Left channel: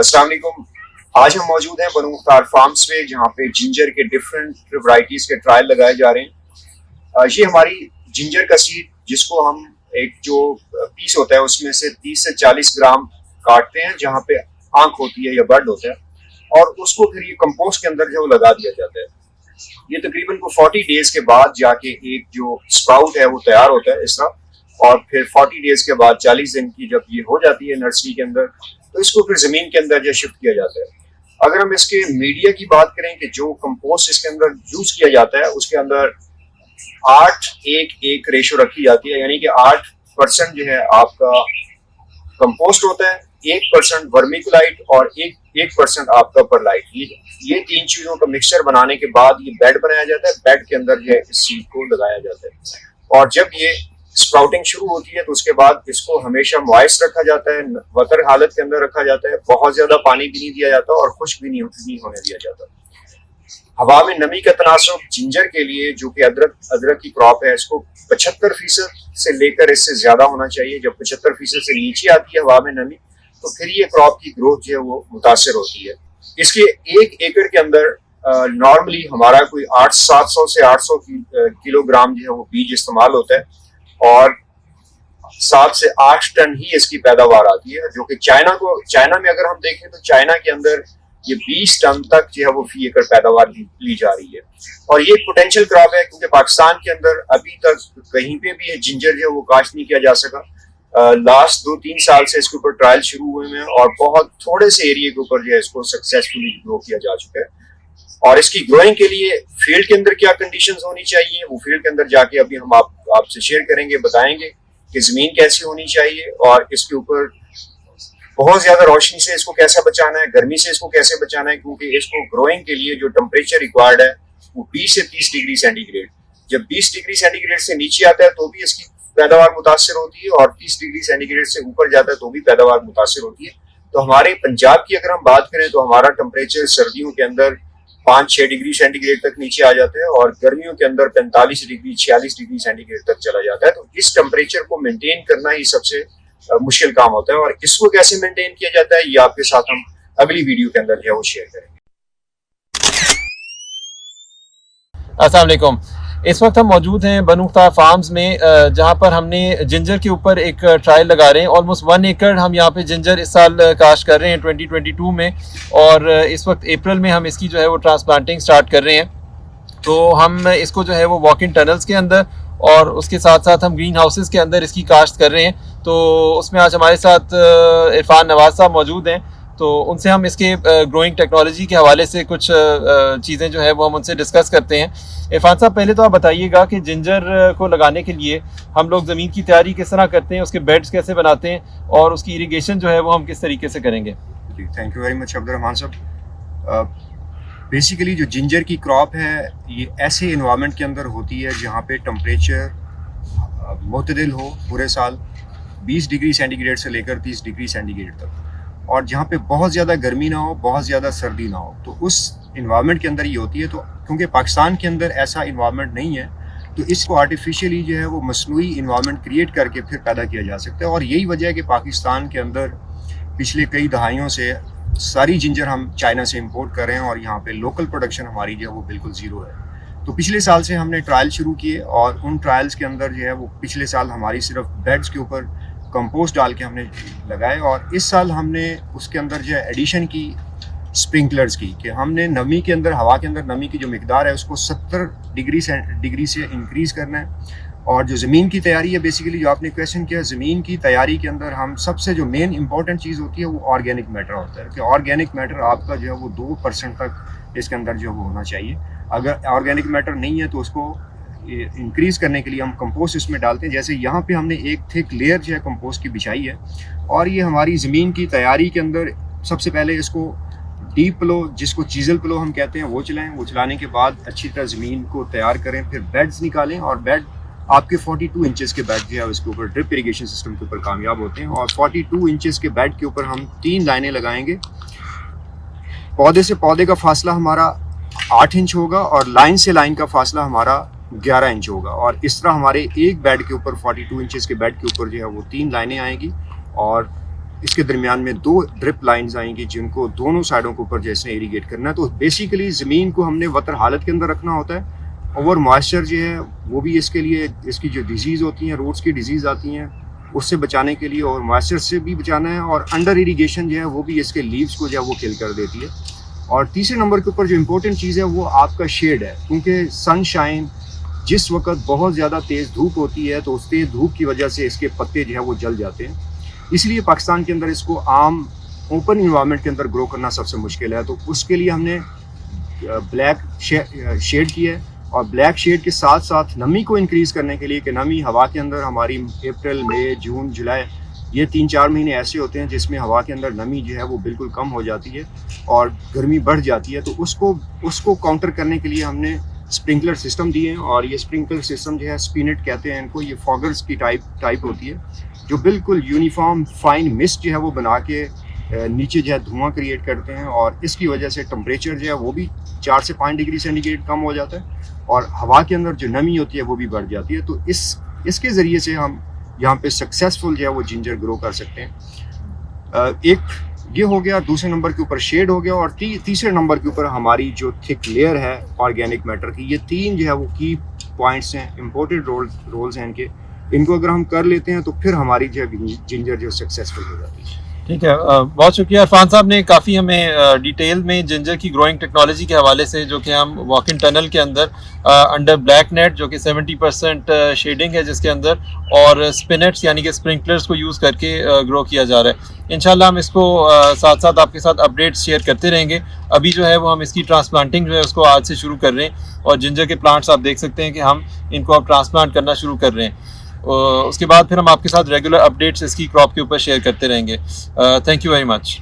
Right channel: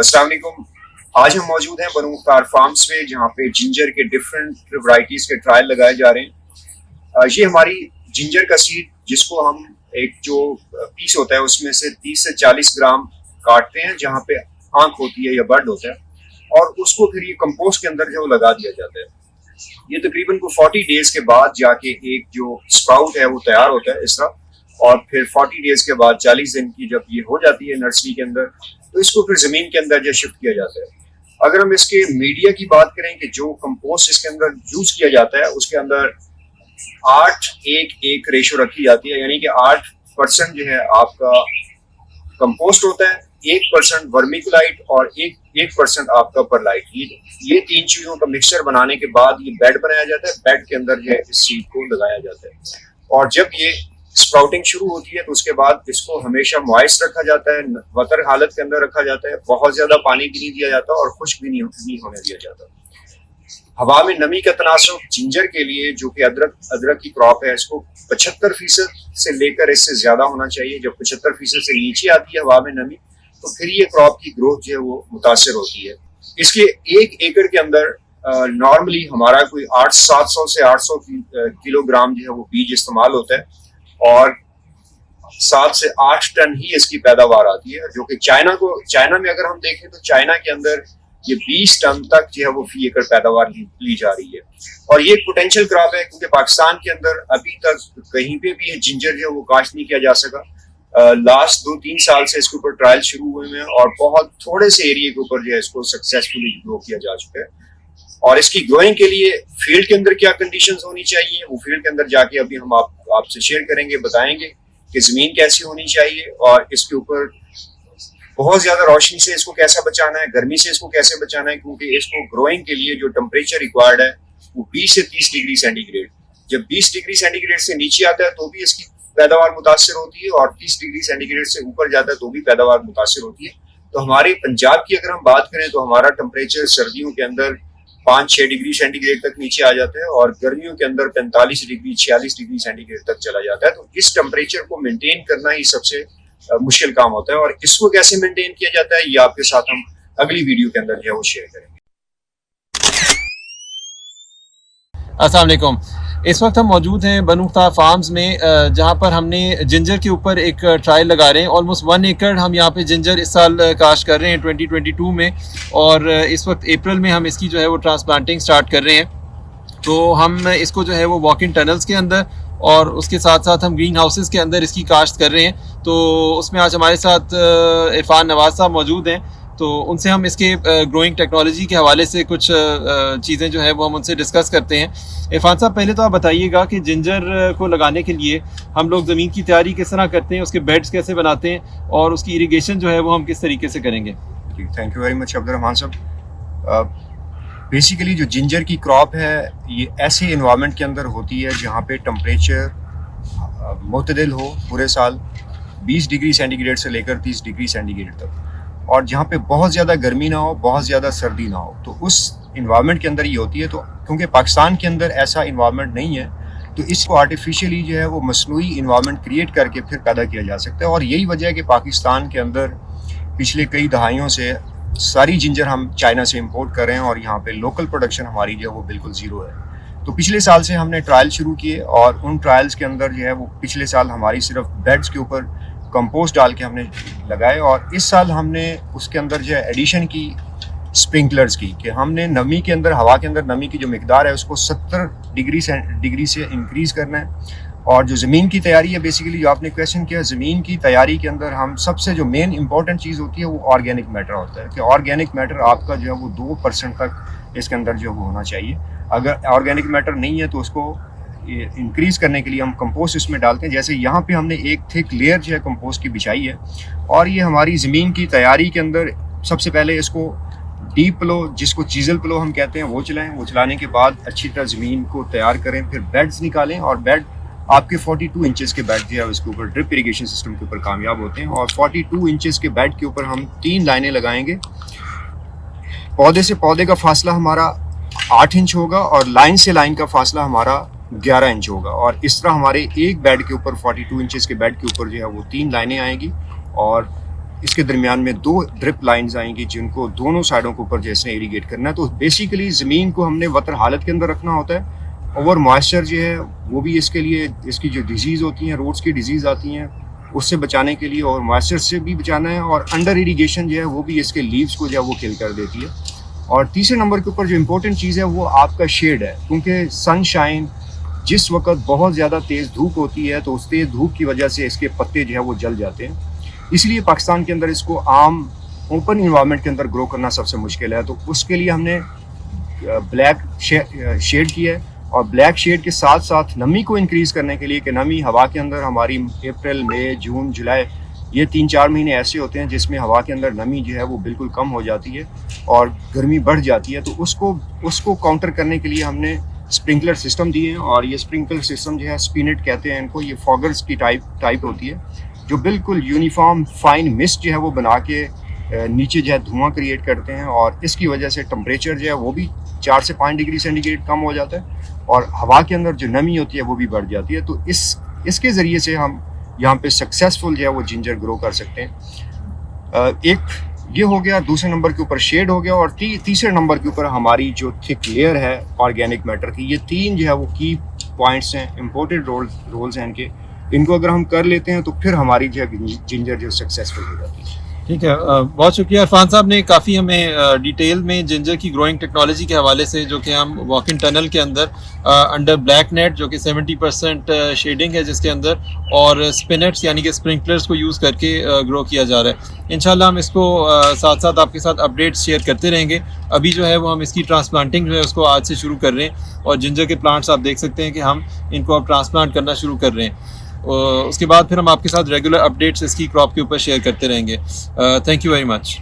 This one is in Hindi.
अस्सलाम वालेकुम। आज हम मौजूद हैं बनु मुख्तार फार्म्स में, जहाँ पे जिंजर के डिफरेंट वैरायटीज के ट्रायल लगाए जा रहे हैं। ये हमारी जिंजर का सीड, जिसको हम एक जो पीस होता है उसमें से 30 से 40 ग्राम काटते हैं, जहाँ पे आंख होती है या बड होता है, और उसको फिर ये कंपोस्ट के अंदर जो लगा दिया जाता है। ये तकरीबन को 40 डेज के बाद जाके एक जो स्प्राउट है वो तैयार होता है इस तरह, और फिर 40 डेज के बाद 40 दिन की जब ये हो जाती है नर्सरी के अंदर, तो इसको फिर जमीन के अंदर जो शिफ्ट किया जाता है। अगर हम इसके मीडिया की बात करें कि जो कंपोस्ट इसके अंदर यूज किया जाता है, उसके अंदर 8:1:1 रेशो रखी जाती है, यानी कि 8% जो है आपका कंपोस्ट होता है, 1% वर्मिकुलाइट और 1% आपका परलाइट। ये तीन चीजों का मिक्सचर बनाने के बाद ये बेड बनाया जाता है। बेड के अंदर जो है इस सीड को लगाया जाता है, और जब ये स्प्राउटिंग शुरू होती है तो उसके बाद इसको हमेशा मॉइस्ट रखा जाता है, वतर हालत के अंदर रखा जाता है। बहुत ज्यादा पानी भी नहीं दिया जाता और खुश्क भी नहीं होने दिया जाता। हवा में नमी का तनासब जिंजर के लिए, जो कि अदरक की क्रॉप है, इसको 75% से लेकर इससे ज्यादा होना चाहिए। जब 75% से नीचे आती है हवा में नमी, तो फिर ये क्रॉप की ग्रोथ जो है वो मुतासर होती है। इसके 1 एकड़ के अंदर नॉर्मली हमारा कोई 700 से 800 किलोग्राम जो है वो बीज इस्तेमाल होता है, और 7 से 8 टन ही इसकी पैदावार आती है। जो कि चाइना में अगर हम देखें तो चाइना के अंदर ये 20 टन तक जो है वो फी एकड़ पैदावार ली जा रही है। और ये पोटेंशियल क्रॉप है, क्योंकि पाकिस्तान के अंदर अभी तक कहीं पे भी जिंजर जो है वो काश्त नहीं किया जा सका। लास्ट 2-3 साल से इसके ऊपर ट्रायल शुरू हुए हैं, और बहुत थोड़े से एरिया के ऊपर जो है इसको सक्सेसफुली ग्रो किया जा चुका है। और इसकी ग्रोइंग के लिए फील्ड के अंदर क्या कंडीशंस होनी चाहिए, वो फील्ड के अंदर जाके अभी हम आपसे शेयर करेंगे, बताएंगे कि जमीन कैसी होनी चाहिए, और इसके ऊपर बहुत ज्यादा रोशनी से इसको कैसे बचाना है, गर्मी से इसको कैसे बचाना है, क्योंकि इसको ग्रोइंग के लिए जो टेम्परेचर रिक्वायर्ड है वो 20 से 30 डिग्री सेंटीग्रेड। जब 20 डिग्री सेंटीग्रेड से नीचे आता है तो भी इसकी पैदावार मुतासर होती है, और 30 डिग्री सेंटीग्रेड से ऊपर जाता है तो भी पैदावार मुतासर होती है। तो हमारे पंजाब की अगर हम बात करें तो हमारा टेम्परेचर सर्दियों के अंदर 5-6 डिग्री सेंटीग्रेड तक नीचे आ जाते हैं, और गर्मियों के अंदर 45 डिग्री 46 डिग्री सेंटीग्रेड तक चला जाता है। तो इस टेम्परेचर को मेंटेन करना ही सबसे मुश्किल काम होता है, और इसको कैसे मेंटेन किया जाता है ये आपके साथ हम अगली वीडियो के अंदर जो है वो शेयर करेंगे। अस्सलाम वालेकुम। इस वक्त हम मौजूद हैं बनु मुख्तार फार्म्स में, जहां पर हमने जिंजर के ऊपर एक ट्रायल लगा रहे हैं। ऑलमोस्ट 1 एकड़ हम यहां पे जिंजर इस साल काश्त कर रहे हैं 2022 में, और इस वक्त अप्रैल में हम इसकी जो है वो ट्रांसप्लांटिंग स्टार्ट कर रहे हैं। तो हम इसको जो है वो वॉक इन टनल्स के अंदर और उसके साथ साथ हम ग्रीन हाउसेस के अंदर इसकी काश्त कर रहे हैं। तो उसमें आज हमारे साथ इरफान नवाज साहब मौजूद हैं, तो उनसे हम इसके ग्रोइंग टेक्नोलॉजी के हवाले से कुछ चीज़ें जो है वो हम उनसे डिस्कस करते हैं। इरफान साहब, पहले तो आप बताइएगा कि जिंजर को लगाने के लिए हम लोग ज़मीन की तैयारी किस तरह करते हैं, उसके बेड्स कैसे बनाते हैं, और उसकी इरिगेशन जो है वो हम किस तरीके से करेंगे। जी, thank you very much Abdurrahman साहब। बेसिकली जो जिंजर की क्रॉप है ये ऐसे इन्वायरमेंट के अंदर होती है जहाँ पे टेम्परेचर मुतदिल हो पूरे साल, 20 डिग्री सेंटीग्रेड से लेकर 30 डिग्री सेंटीग्रेड तक, और जहाँ पे बहुत ज़्यादा गर्मी ना हो, बहुत ज़्यादा सर्दी ना हो। तो उस इन्वायरमेंट के अंदर ये होती है। तो क्योंकि पाकिस्तान के अंदर ऐसा इन्वायरमेंट नहीं है, तो इसको आर्टिफिशियली जो है वो मसनूई इन्वायरमेंट क्रिएट करके फिर पैदा किया जा सकता है। और यही वजह है कि पाकिस्तान के अंदर पिछले कई दहाइयों से सारी जिंजर हम चाइना से इंपोर्ट कर रहे हैं, और यहाँ पे लोकल प्रोडक्शन हमारी जो है वो बिल्कुल ज़ीरो है। तो पिछले साल से हमने ट्रायल शुरू किए, और उन ट्रायल्स के अंदर जो है वो पिछले साल हमारी सिर्फ बेड्स के ऊपर कंपोस्ट डाल के हमने लगाए, और इस साल हमने उसके अंदर जो है एडिशन की स्प्रिंकलर्स की, कि हमने नमी के अंदर, हवा के अंदर नमी की जो मिकदार है उसको 70 डिग्री से इंक्रीज़ करना है। और जो ज़मीन की तैयारी है, बेसिकली जो आपने क्वेश्चन किया, ज़मीन की तैयारी के अंदर हम सबसे जो मेन इंपॉर्टेंट चीज़ होती है वो ऑर्गेनिक मैटर होता है, कि ऑर्गेनिक मैटर आपका जो है वो 2% तक इसके अंदर जो वो होना चाहिए। अगर ऑर्गेनिक मैटर नहीं है तो उसको इंक्रीज़ करने के लिए हम कंपोस्ट इसमें डालते हैं। जैसे यहाँ पे हमने एक थिक लेयर जो है कंपोस्ट की बिछाई है, और ये हमारी ज़मीन की तैयारी के अंदर सबसे पहले इसको डीप प्लो, जिसको चीज़ल प्लो हम कहते हैं, वो चलाएँ। वो चलाने के बाद अच्छी तरह ज़मीन को तैयार करें, फिर बेड्स निकालें, और बेड आपके 42 इंचेस के बेड जो है उसके ऊपर ड्रिप इरिगेशन सिस्टम के ऊपर कामयाब होते हैं। और 42 इंचेस के बेड के ऊपर हम 3 लाइनें लगाएंगे। पौधे से पौधे का फासला हमारा 8 इंच होगा, और लाइन से लाइन का फासला हमारा 11 इंच होगा। और इस तरह हमारे एक बेड के ऊपर 42 इंचेस के बेड के ऊपर जो है वो 3 लाइनें आएंगी, और इसके दरमियान में 2 ड्रिप लाइंस आएंगी जिनको दोनों साइडों के ऊपर जैसे इरीगेट करना है। तो बेसिकली ज़मीन को हमने वतर हालत के अंदर रखना होता है। ओवर मॉइस्चर जो है वो भी इसके लिए, इसकी जो डिजीज़ होती हैं, रूट्स की डिजीज़ आती हैं, उससे बचाने के लिए और मॉइस्चर से भी बचाना है। और अंडर इरीगेशन जो है वो भी इसके लीव्स को जो है वो किल कर देती है। और तीसरे नंबर के ऊपर जो इम्पोर्टेंट चीज़ है वो आपका शेड है, क्योंकि सनशाइन जिस वक्त बहुत ज़्यादा तेज़ धूप होती है तो उस तेज़ धूप की वजह से इसके पत्ते जो है वो जल जाते हैं। इसलिए पाकिस्तान के अंदर इसको आम ओपन इन्वायरमेंट के अंदर ग्रो करना सबसे मुश्किल है। तो उसके लिए हमने ब्लैक शेड किया है। और ब्लैक शेड के साथ साथ नमी को इंक्रीज़ करने के लिए कि नमी हवा के अंदर हमारी अप्रैल, मई, जून, जुलाई ये 3-4 महीने ऐसे होते हैं जिसमें हवा के अंदर नमी जो है वो बिल्कुल कम हो जाती है और गर्मी बढ़ जाती है। तो उसको काउंटर करने के लिए हमने स्प्रिंकलर सिस्टम दिए हैं। और ये स्प्रिंकलर सिस्टम जो है स्पिनेट कहते हैं इनको, ये फॉगर्स की टाइप होती है जो बिल्कुल यूनिफॉर्म फाइन मिस्ट जो है वो बना के नीचे जो है धुआं क्रिएट करते हैं। और इसकी वजह से टेम्परेचर जो है वो भी 4 से 5 डिग्री सेंटीग्रेड कम हो जाता है और हवा के अंदर जो नमी होती है वो भी बढ़ जाती है। तो इसके ज़रिए से हम यहाँ पे सक्सेसफुल जो है वो जिंजर ग्रो कर सकते हैं। एक ये हो गया, दूसरे नंबर के ऊपर शेड हो गया और तीसरे नंबर के ऊपर हमारी जो थिक लेयर है ऑर्गेनिक मैटर की। ये 3 जो है वो की पॉइंट्स हैं, इम्पोर्टेंट रोल्स हैं इनके। इनको अगर हम कर लेते हैं तो फिर हमारी जो जिंजर जो सक्सेसफुल हो जाती है। ठीक है, बहुत शुक्रिया इरफान साहब ने काफ़ी हमें डिटेल में जिंजर की ग्रोइंग टेक्नोलॉजी के हवाले से, जो कि हम वॉक इन टनल के अंदर अंडर ब्लैक नेट जो कि 70% शेडिंग है जिसके अंदर, और स्पिनेट्स यानी कि स्प्रिंकलर्स को यूज़ करके ग्रो किया जा रहा है। इंशाल्लाह हम इसको साथ साथ आपके साथ अपडेट्स शेयर करते रहेंगे। अभी जो है वो हम इसकी ट्रांसप्लांटिंग जो है उसको आज से शुरू कर रहे हैं और जिंजर के प्लांट्स आप देख सकते हैं कि हम इनको अब ट्रांसप्लांट करना शुरू कर रहे हैं। उसके बाद फिर हम आपके साथ रेगुलर अपडेट्स इसकी क्रॉप के ऊपर शेयर करते रहेंगे। Thank you very much.